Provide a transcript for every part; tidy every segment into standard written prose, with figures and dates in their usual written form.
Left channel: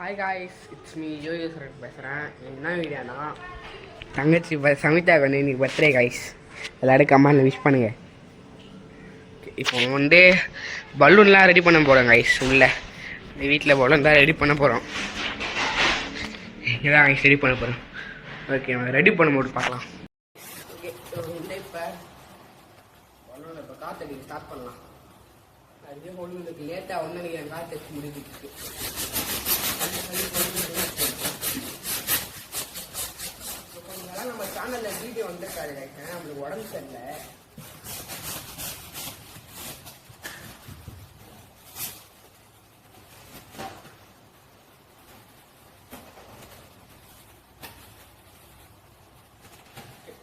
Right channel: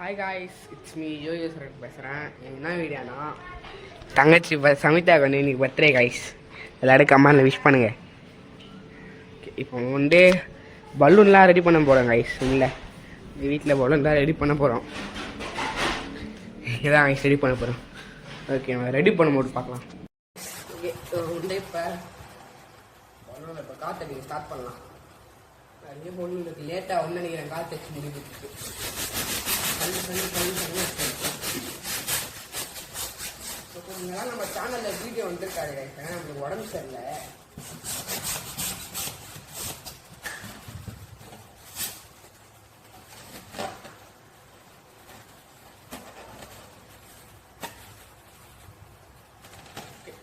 Hi guys, it's me ஜோயேஸ்வரன் பேசுகிறேன். என்ன வீடியோனா தங்கச்சி சமிதா வந்து இன்னைக்கு பர்த்டே காய்ஸ். எல்லோரும் கமெண்டில் விஷ் பண்ணுங்கள். இப்போ வந்து பலூன்லாம் ரெடி பண்ண போகிறோம் காய்ஸ். உள்ளே வீட்டில் பலூன் தான் ரெடி பண்ண போகிறோம். இதான் காய்ஸ் ரெடி பண்ண போகிறோம். ஓகே, ரெடி பண்ணும்போது பார்க்கலாம். வந்து இப்போ பலூன் இப்போ காற்றடிக்க ஸ்டார்ட் பண்ணலாம். நிறைய பலூன் இருக்குது. லேட்டாக ஒன்று நினைக்கிறேன் காற்று வச்சு முடிக்கிறதுக்கு. கொஞ்சம் நம்ம சேனல்ல வீடியோ வந்துருக்காரு, நம்மளுக்கு உடம்பு சரியில்லை.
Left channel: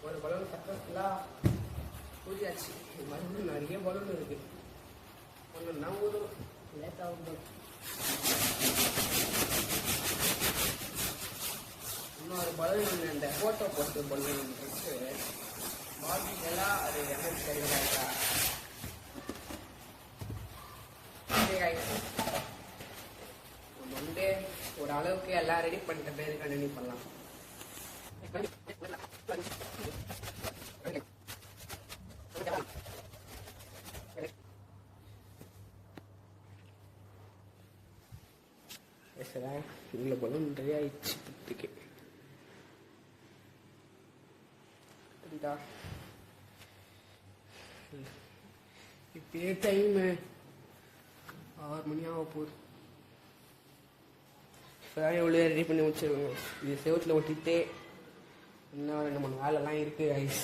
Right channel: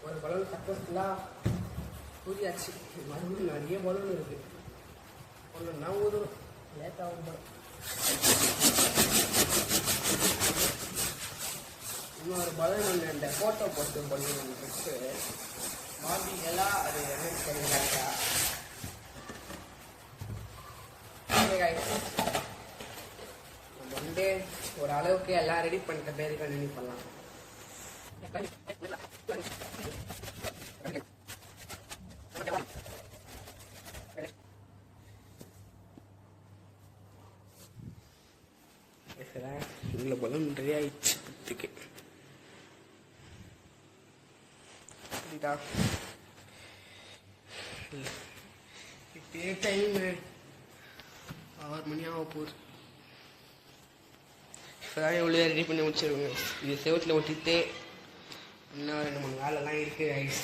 ஒரு பலூன் சக்சஸ்ஃபுல்லா ஊதியாச்சு. மறுபடியும் நிறைய பலூன் இருக்கு. ஒன்று தான் ஊதும், லேட்டாக வந்துடும். இன்னொரு பலூன் ஒன்று இந்த ஃபோட்டோ போட்டு பலூன் ஒன்று வச்சு பாபிகளாக அது என்னன்னு தெரியல. நம்ம வந்து ஒரு அளவுக்கு எல்லாம் ரெடி பண்ணிட்ட பேர் கண்டினியூ பண்ணலாம். இவ்வளோ பலூன் ரெடி ஆயிடுச்சு. பத்துக்கு இப்பே டைம் 6 மணி ஆக போகுது. இப்போதான் எவ்வளோ ரெடி பண்ணி முடிச்சிருவாங்க. இது செவத்தில் ஒட்டிட்டு இன்னும் 2-3 வேலைலாம் இருக்குது ஐஸ்.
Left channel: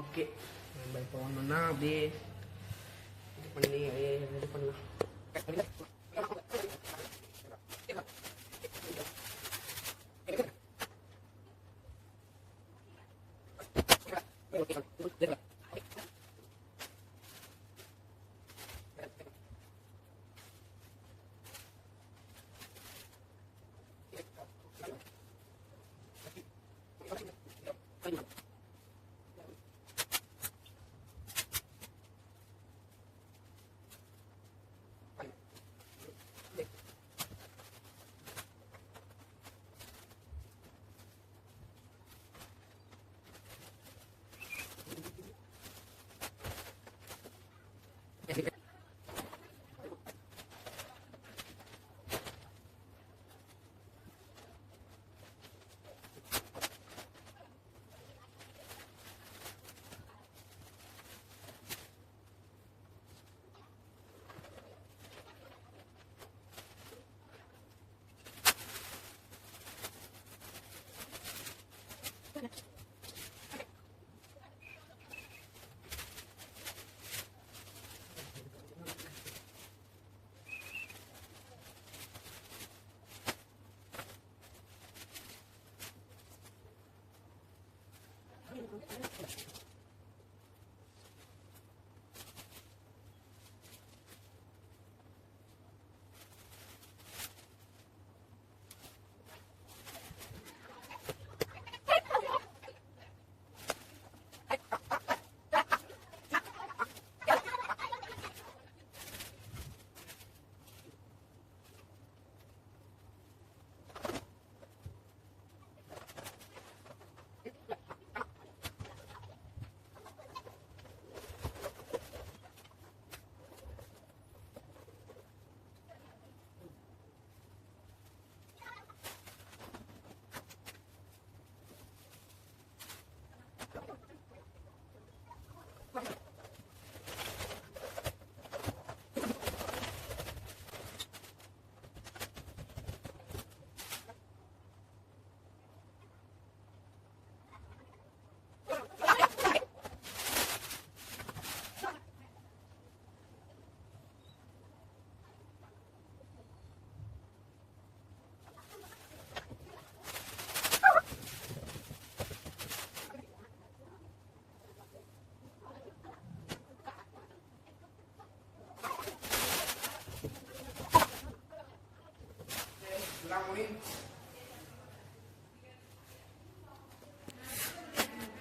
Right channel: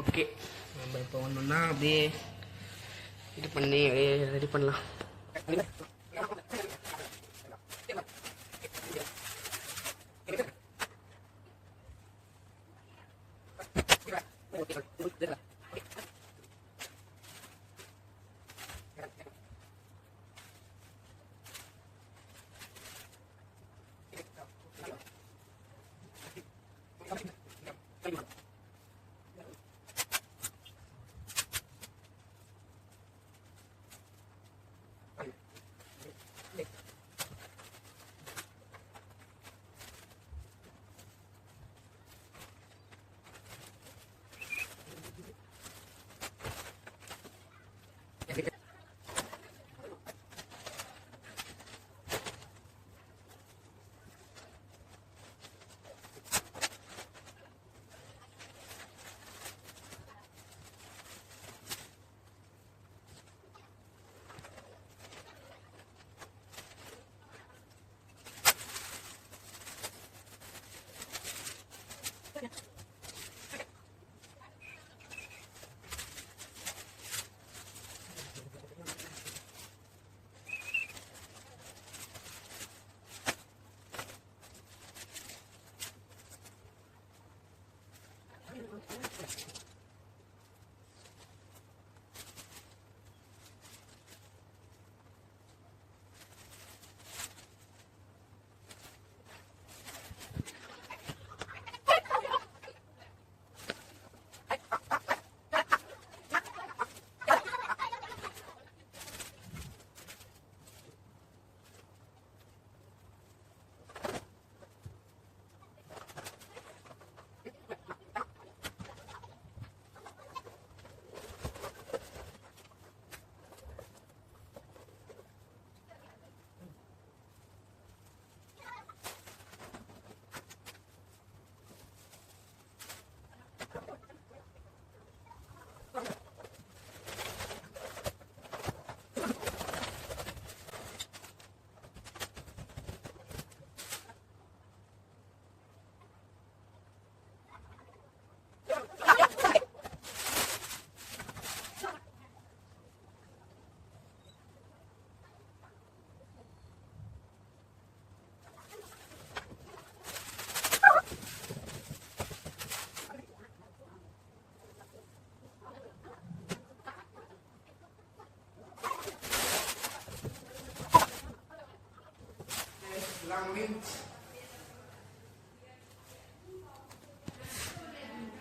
ஓகே, நம்ம இப்போ ஒன்றுன்னா அப்படியே இது பண்ணி ரெடி பண்ணலாம்.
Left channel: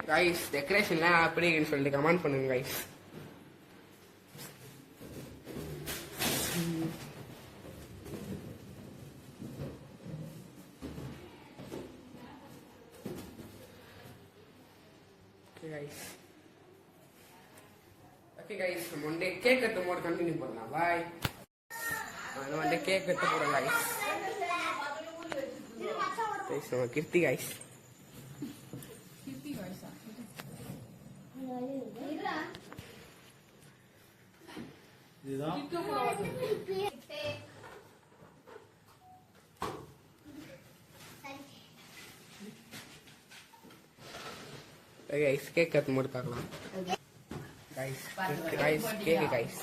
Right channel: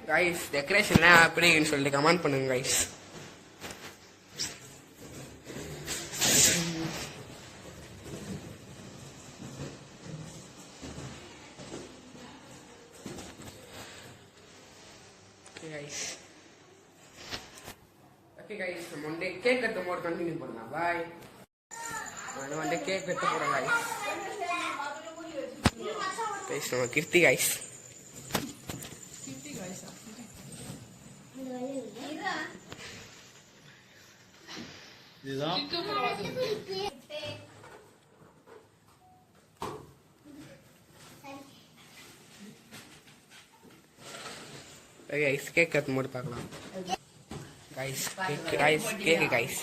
கைஸ் டெக்கரேஷன்லாம் எப்படின்னு சொல்லிட்டு கமெண்ட் பண்ணுங்க கைஸ். கைஸ். ஓகே கைஸ், நம்ம வந்து கேக் கட்ட போட கண்டினியூ பண்ணலாம். பாய். நான் வந்து கேக் கட்ட போறேன் கைஸ். கைஸ் நம்ம கீர்த்தி கைஸ். இதுதான் கைஸ் கேக் கட் போட்டு பார்க்கலாம். Guys cake guys.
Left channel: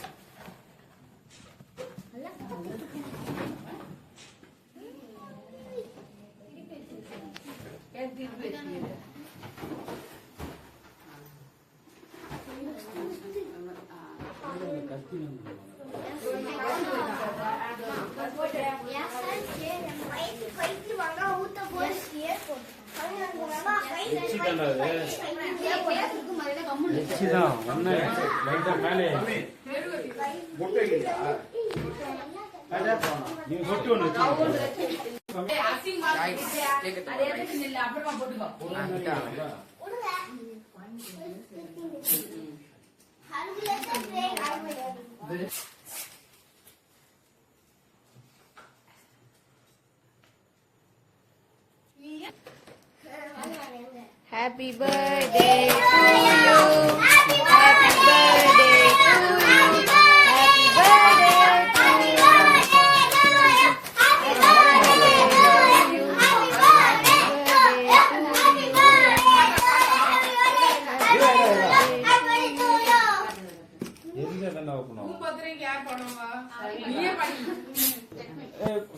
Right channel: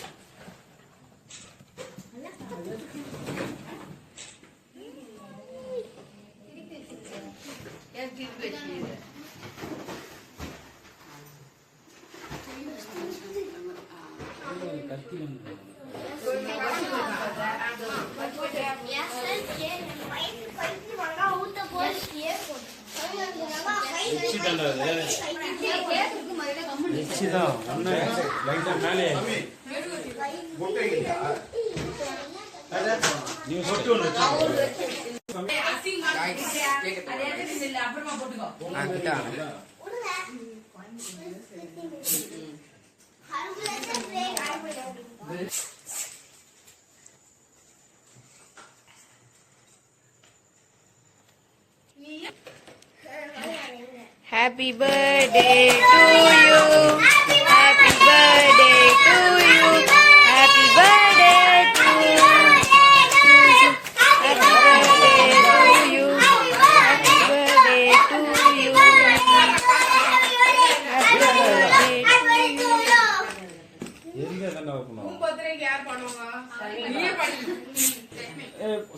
Happy birthday to you. Happy birthday to you. Happy birthday to you. Happy birthday to you. Happy birthday to you. Happy birthday to you.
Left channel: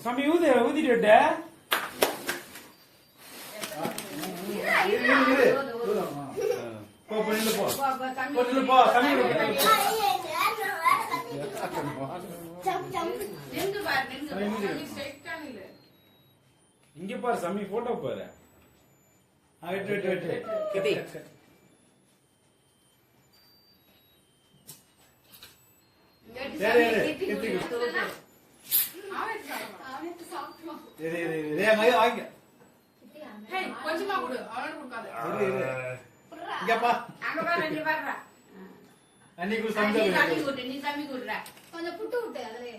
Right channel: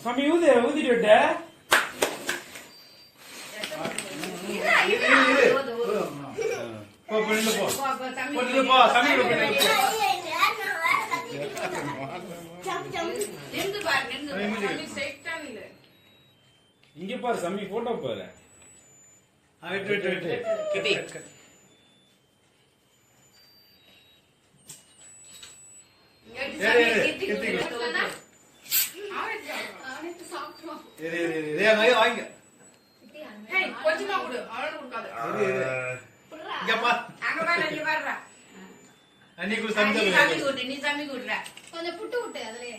சாமி ஊதிட்டு இங்க பாரு சாமி photo பாரு. கொஞ்சமா கொடு, அவனுக்கு கொடுக்காத. நீ சாமி கொடுற கொஞ்சம் புட்டு விட்டு அதுலயே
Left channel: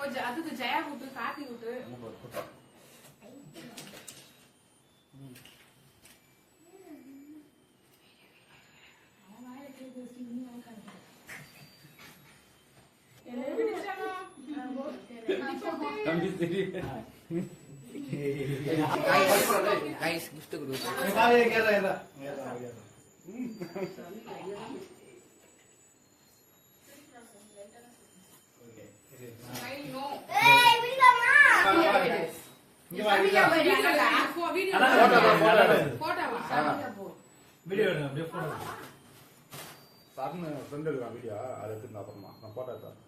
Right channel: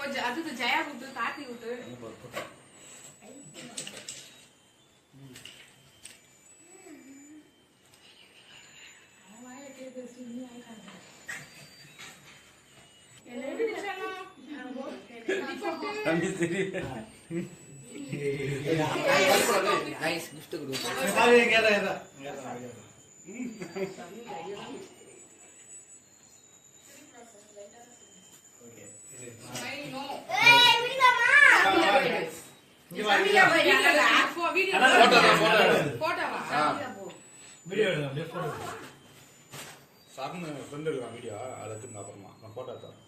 கொஞ்சம் அதுக்கு ஜெயா விட்டு காட்டி விட்டு கைஸ் கிஃப்ட் கொடுங்க. சாப்பிட்டு ஃப்ரெண்ட் இருக்கான் வீடியோ அதை எடுத்துங்க அப்புறமா நான் போட்டோ எடுத்தேன்.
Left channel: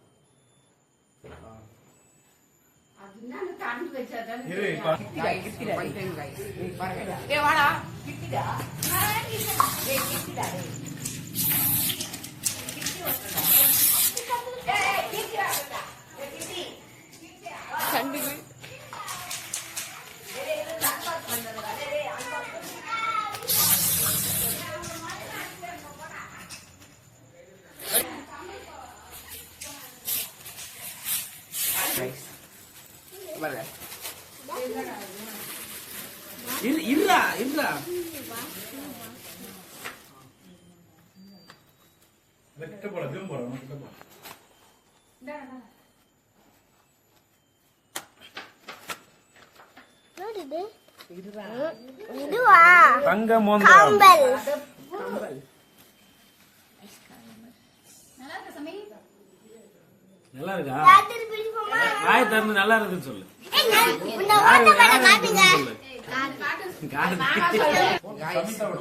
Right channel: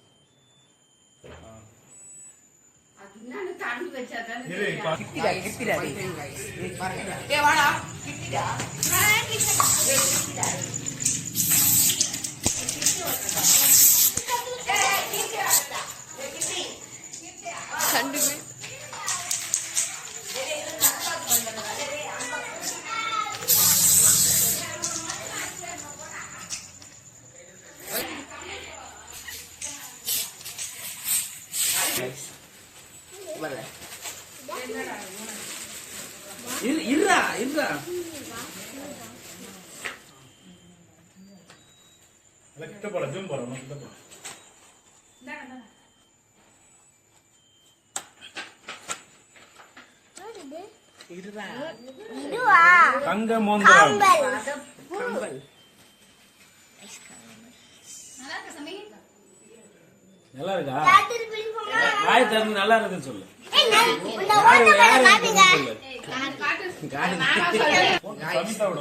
இருடா கிட்ட போட ஜூம் போட கிட்ட போட தங்க மோந்திரம் நல்லா இருக்கா? வாய் திறந்து நல்லா இருக்குன்னு சொல்லு.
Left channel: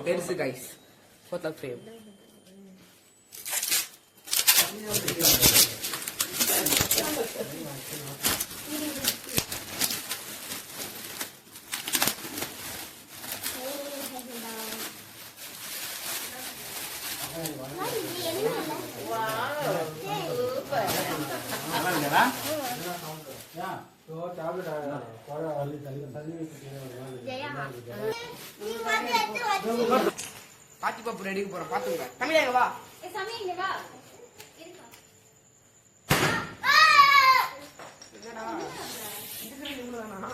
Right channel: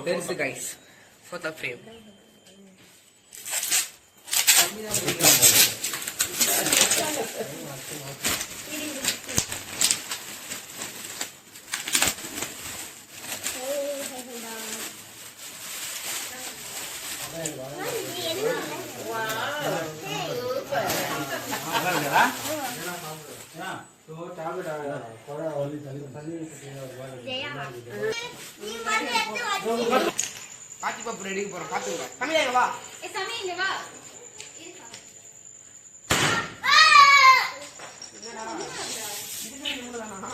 பெருசு கைஸ் போட்டோ ஃப்ரேம். பாத்தி பாப்பு ரெடி போறோம் பாத்துங்க தமிழா வா சாமி இங்க வா என்னடா இதுக்கு இவ்வளவு வேணும்னா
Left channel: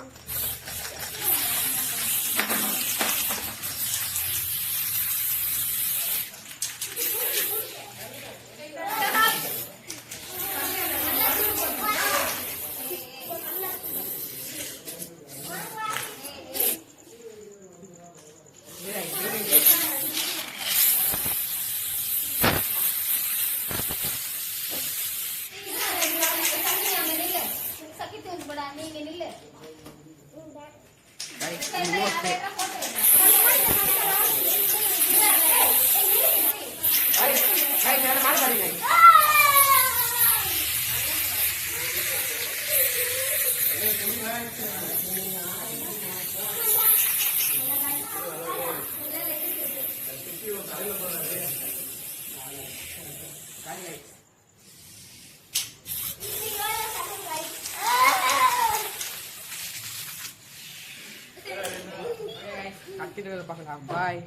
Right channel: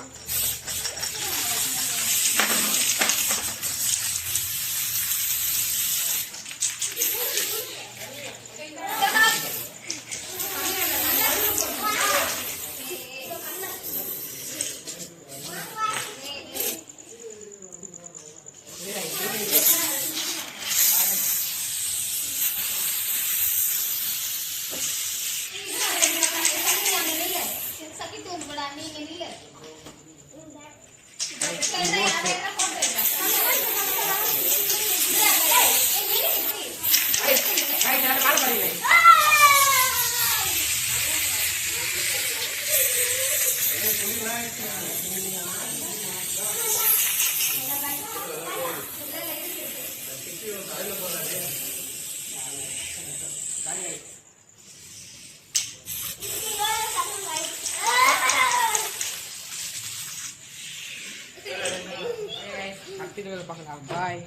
பார்க்கலாம் பாய்.